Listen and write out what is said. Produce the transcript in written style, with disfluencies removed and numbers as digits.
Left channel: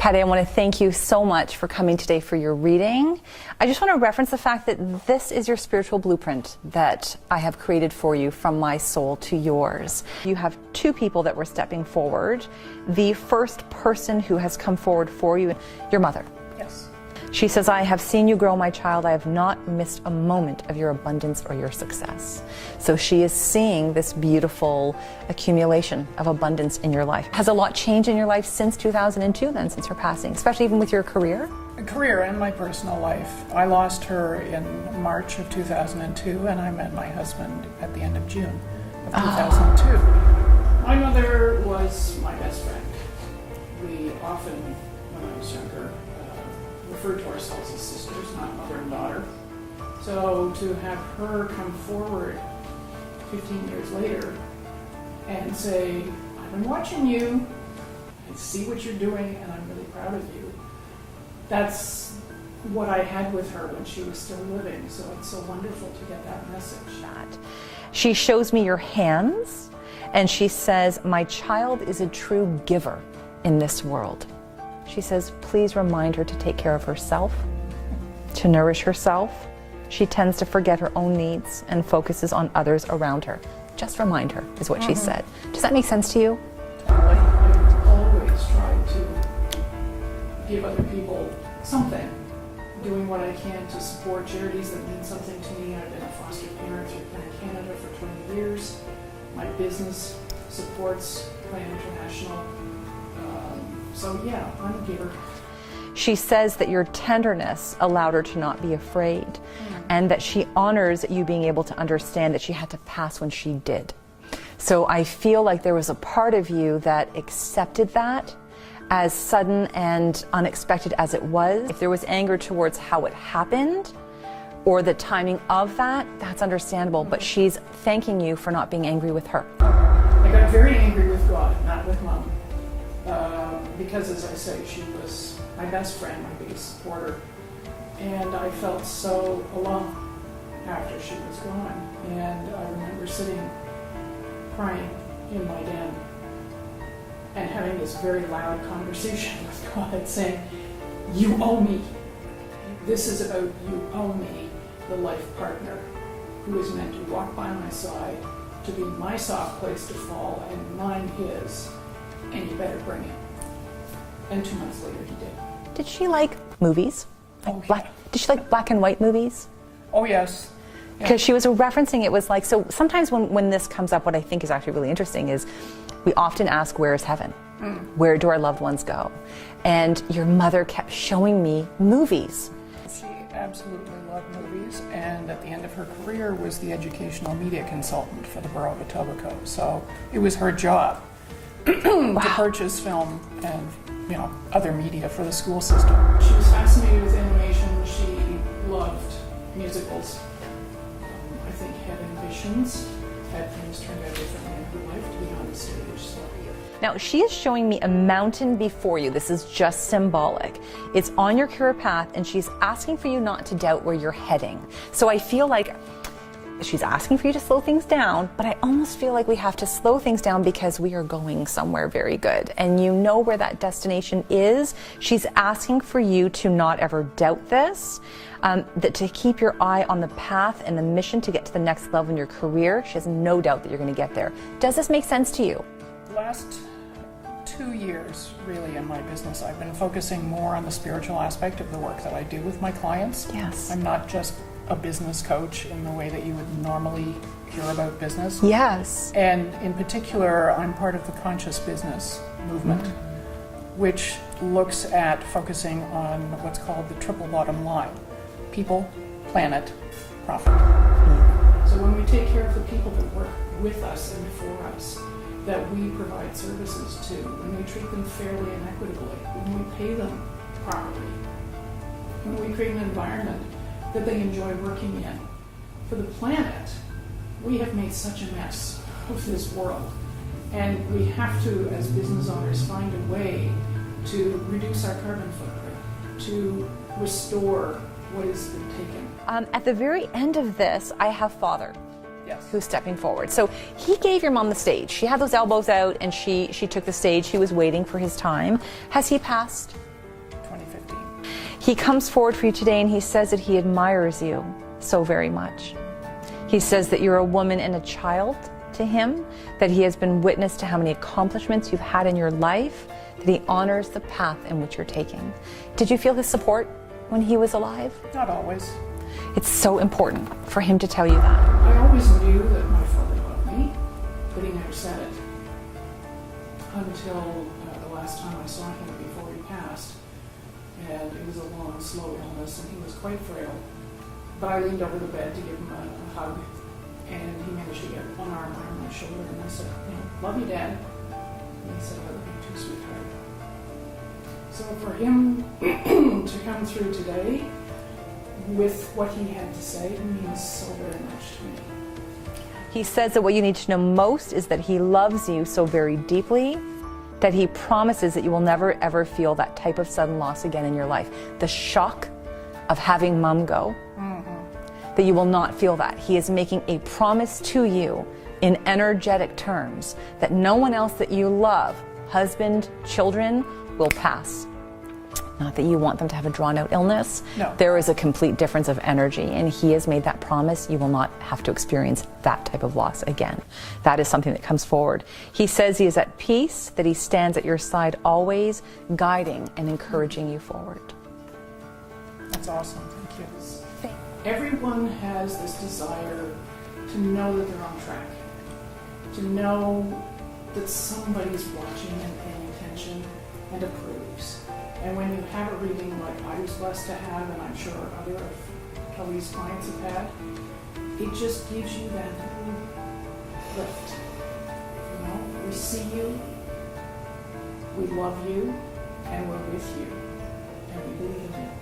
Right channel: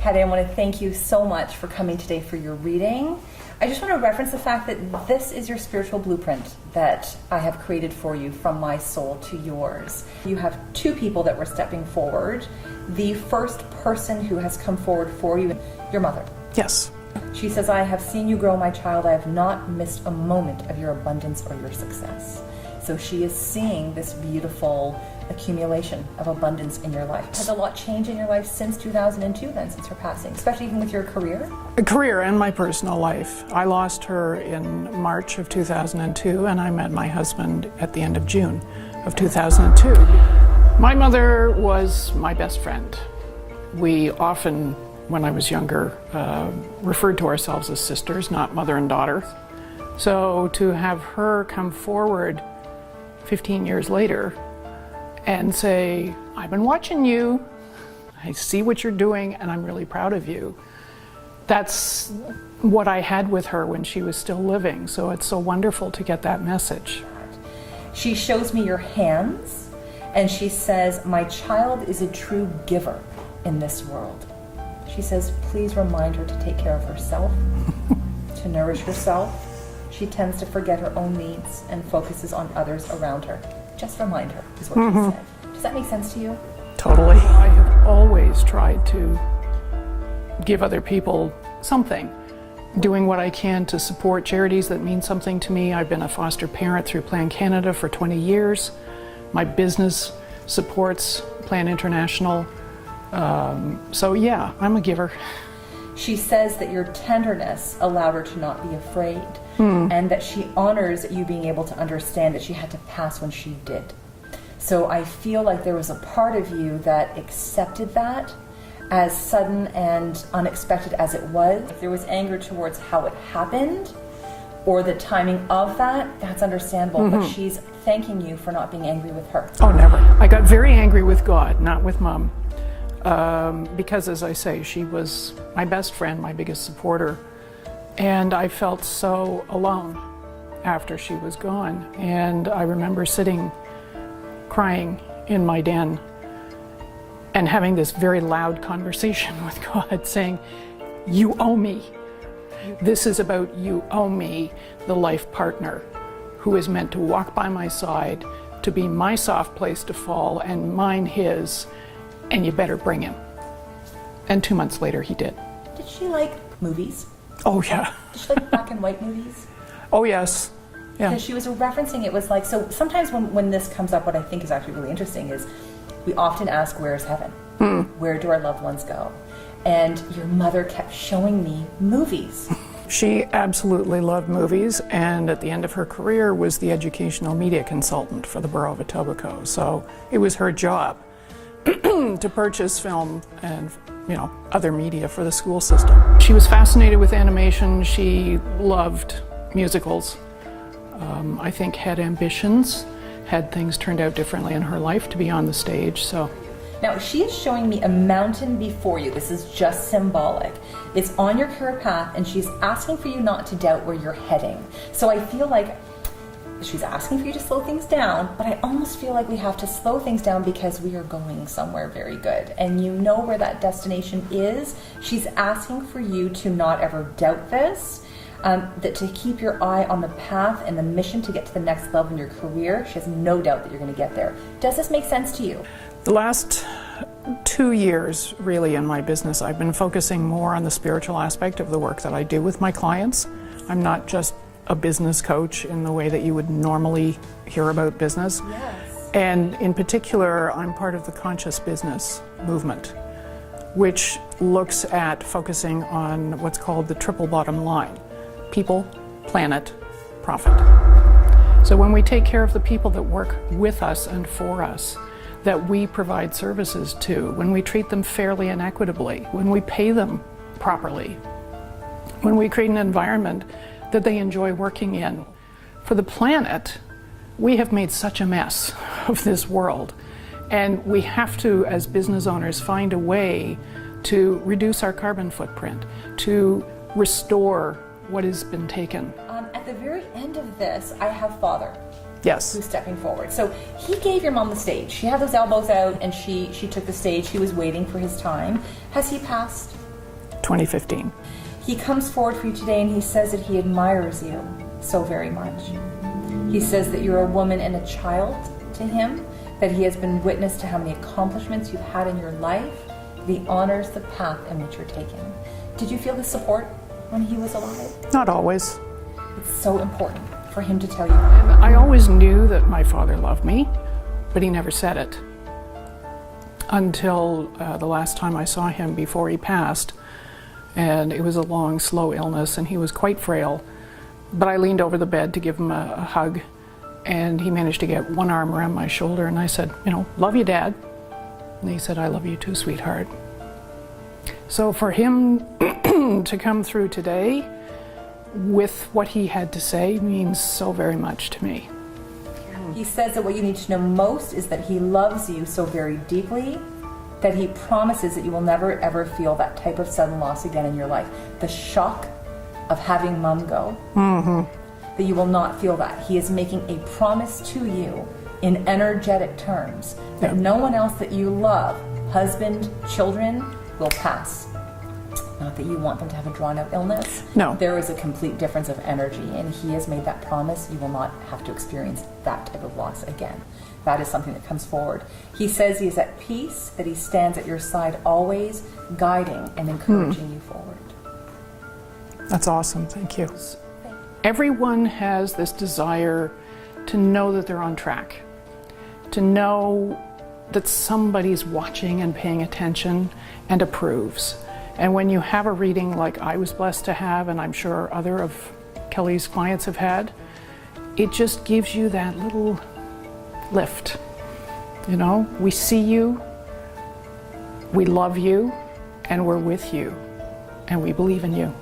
Patti, I want to thank you so much for coming today for your reading. I just want to reference the fact that this is your spiritual blueprint that I have created for you from my soul to yours. You have two people that were stepping forward. The first person who has come forward for you, your mother. Yes. She says, I have seen you grow, my child. I have not missed a moment of your abundance or your success. So she is seeing this beautiful accumulation of abundance in your life. Has a lot changed in your life since 2002 then, since her passing, especially even with your career? Career and my personal life. I lost her in March of 2002, and I met my husband at the end of June of 2002. My mother was my best friend. We often, when I was younger, referred to ourselves as sisters, not mother and daughter. So to have her come forward 15 years later and say, I've been watching you, I see what you're doing, and I'm really proud of you. That's what I had with her when she was still living, so it's so wonderful to get that message. She shows me your hands, and she says, my child is a true giver in this world. She says, please remind her to take care of herself, to nourish herself. She tends to forget her own needs and focuses on others around her. Just remind her, is what she said. Does that make sense to you? Totally. I have always tried to give other people something, doing what I can to support charities that mean something to me. I've been a foster parent through Plan Canada for 20 years. My business supports Plan International. So yeah, I'm a giver. She says that your tenderness allowed her to not be afraid, and that she honors you being able to understand that she had to pass when she did. So I feel like there was a part of you that accepted that, as sudden and unexpected as it was. If there was anger towards how it happened or the timing of that, that's understandable, but she's thanking you for not being angry with her. Oh, never. I got very angry with God, not with Mom. Because, as I say, she was my best friend, my biggest supporter, and I felt so alone after she was gone. And I remember sitting crying in my den and having this very loud conversation with God, saying, you owe me. This is about you owe me, the life partner who is meant to walk by my side, to be my soft place to fall and mine his, and you better bring him. And 2 months later, he did. Did she like movies? Oh, yeah. Did she like black and white movies? Oh, yes. Because Yeah. she was referencing, it was like, so sometimes when this comes up, what I think is actually really interesting is we often ask, where's heaven? Where do our loved ones go? And your mother kept showing me movies. She absolutely loved movies, and at the end of her career was the educational media consultant for the Borough of Etobicoke. So it was her job to purchase film and other media for the school system. She was fascinated with animation. She loved musicals. I think had ambitions, had things turned out differently in her life to be on the stage. So Now, she is showing me a mountain before you. This is just symbolic. It's on your career path, and she's asking for you not to doubt where you're heading. So I feel like she's asking for you to slow things down, but I almost feel like we have to slow things down because we are going somewhere very good. And you know where that destination is. She's asking for you to not ever doubt this, that to keep your eye on the path and the mission to get to the next level in your career. She has no doubt that you're going to get there. Does this make sense to you? the last 2 years, really, in my business, I've been focusing more on the spiritual aspect of the work that I do with my clients. Yes. I'm not just a business coach in the way that you would normally hear about business. Yes. And in particular, I'm part of the conscious business movement, which looks at focusing on what's called the triple bottom line: people, planet, profit. So when we take care of the people that work with us and for us, that we provide services to, when we treat them fairly and equitably, when we pay them properly, when we create an environment that they enjoy working in. For the planet, we have made such a mess of this world, and we have to, as business owners, find a way to reduce our carbon footprint, to restore what has been taken. At the very end of this, I have Father. Yes. Who's stepping forward. So he gave your mom the stage. She had those elbows out and she took the stage. He was waiting for his time. Has he passed? 2015. He comes forward for you today and he says that he admires you so very much. He says that you're a woman and a child to him, that he has been witness to how many accomplishments you've had in your life, that he honors the path in which you're taking. Did you feel his support when he was alive? Not always. It's so important for him to tell you that. I always knew that my father loved me, but he never said it. Until the last time I saw him before he passed, and it was a long, slow illness, and he was quite frail. But I leaned over the bed to give him a hug, and he managed to get one arm around my shoulder, and I said, you know, love you, Dad. And he said, I love you too, sweetheart. So for him to come through today with what he had to say means so very much to me. He says that what you need to know most is that he loves you so very deeply that he promises that you will never ever feel that type of sudden loss again in your life. The shock of having Mom go, that you will not feel that. He is making a promise to you in energetic terms that no one else that you love, husband, children, will pass. Not that you want them to have a drawn-out illness. No. There is a complete difference of energy, and he has made that promise. You will not have to experience that type of loss again. That is something that comes forward. He says he is at peace, that he stands at your side always, guiding and encouraging you forward. That's awesome, thank you. Everyone has this desire to know that they're on track, to know that somebody's watching and paying attention and approves. And when you have a reading like I was blessed to have, and I'm sure other of Kelly's clients have had, it just gives you that little lift. You know, we see you, we love you, and we're with you, and we believe in you.